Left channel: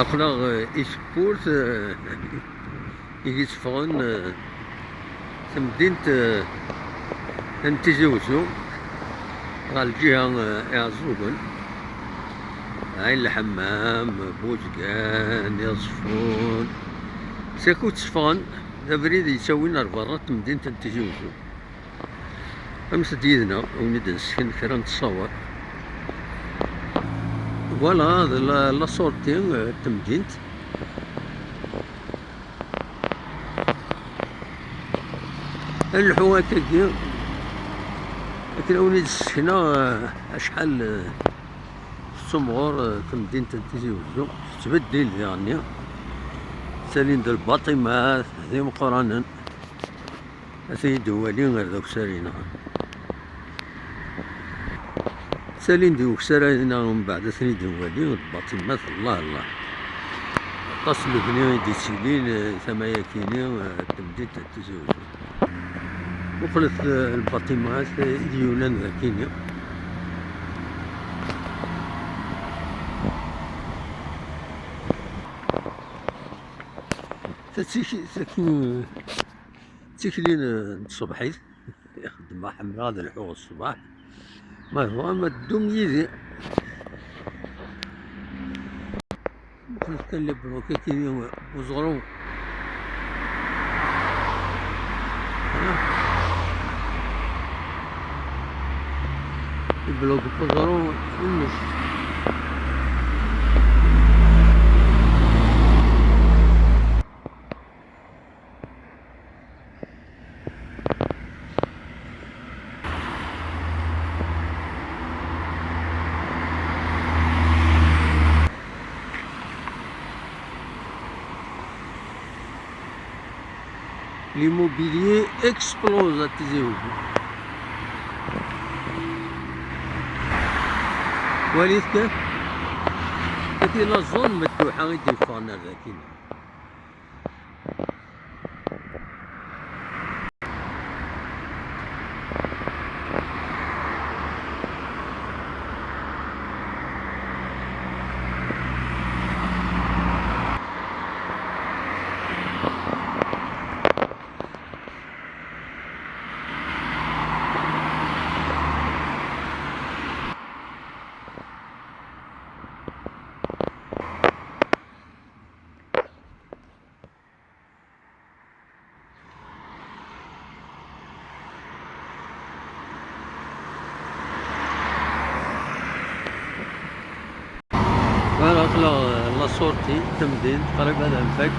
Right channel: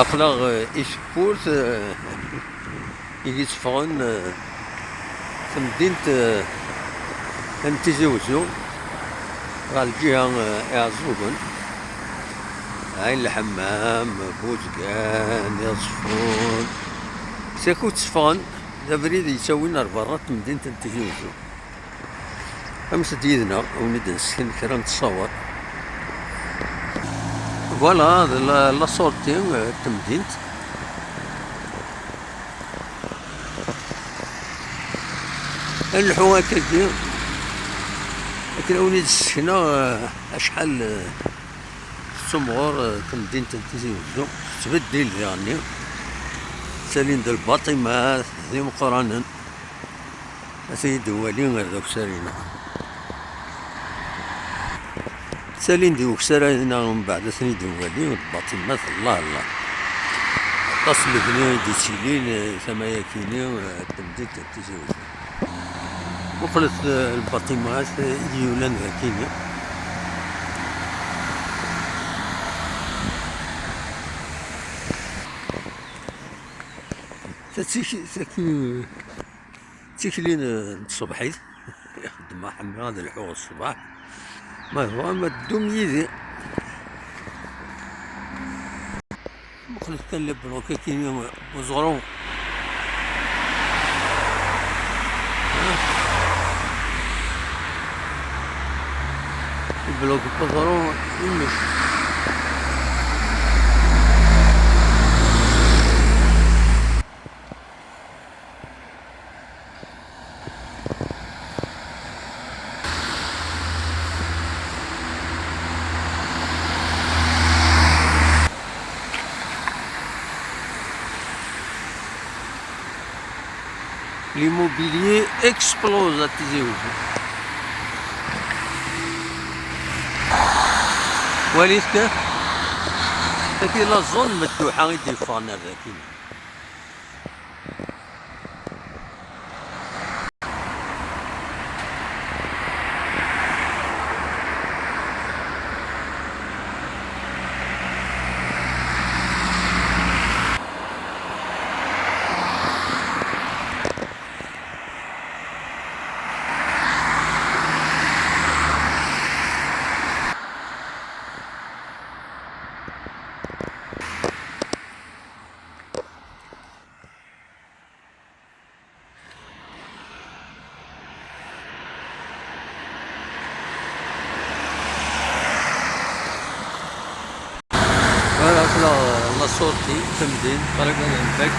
Aql-aɣ iseffurt yetteffɣen temdint n Tizi Uzzu ɣer lǧiha Iɛeẓẓugen, Ɛin Lḥemmam, Buzgan, Iẓeffunn, sakku tteffɣen d abrid yettawin ar berra n temdint n Tizi Uzzu. Amet-d yid-neɣ ad wen-id-nessken kra n تصاور. Voilà, la sortie de temdint. نلحو هكاكي لكن ونيد السكنة أشحال تمغور تمدينة Tizi Uzzu تبدل يعني سالين د الباطمات ذي مقرانا أثي دوالين غير دوك سالينا سالين دي وكسرنا ومن بعد ثاني دوالين الباطمات الله الله تصل بني دي تشيلين ثمايا كيني تمدينة Tizi Uzzu وقلت الباطمات ديولان ذاكينيا تيكلين الصبحيت يخدم حمل هذا الحوغ الصباح ما هو ما الدوم يدي وقلت كان لبروكا كينيا وزغرو البلوك بغرو يمش l'immobilier explose à Tizi Uzzu. وليت لكن لا زون مفتوحة يدير فانا ذاكي لا صورتي تمدين قريبا نفك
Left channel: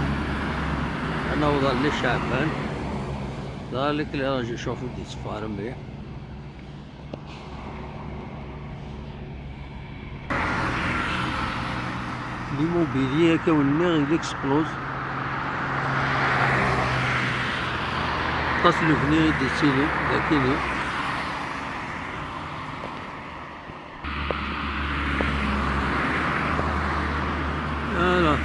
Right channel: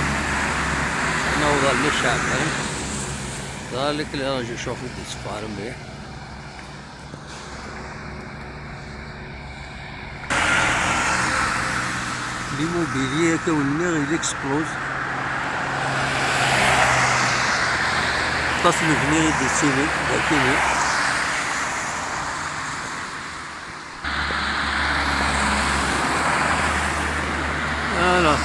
انا وظل لي شعبان ذلك اللي راجل يشوفوا دي صفار مليح l'immobilier كونيغ il explose تصل بني دي سيلي لكن voilà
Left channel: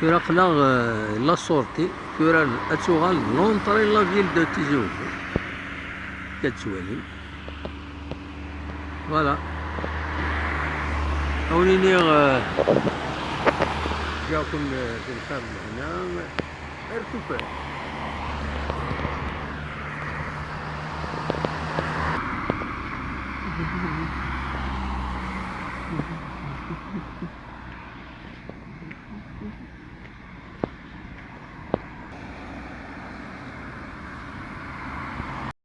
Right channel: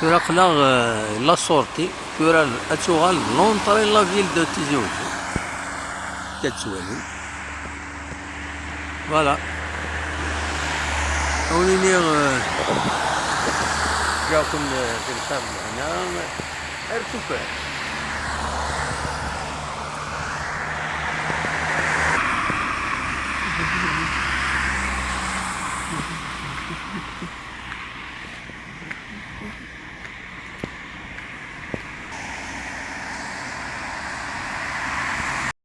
كورا قلاغ لا سورتي كورا اتوغال لونطري لا فيل دو Tizi Uzzu كتسوالي فوالا اونيني جاكم في الخام هنا ارتفاع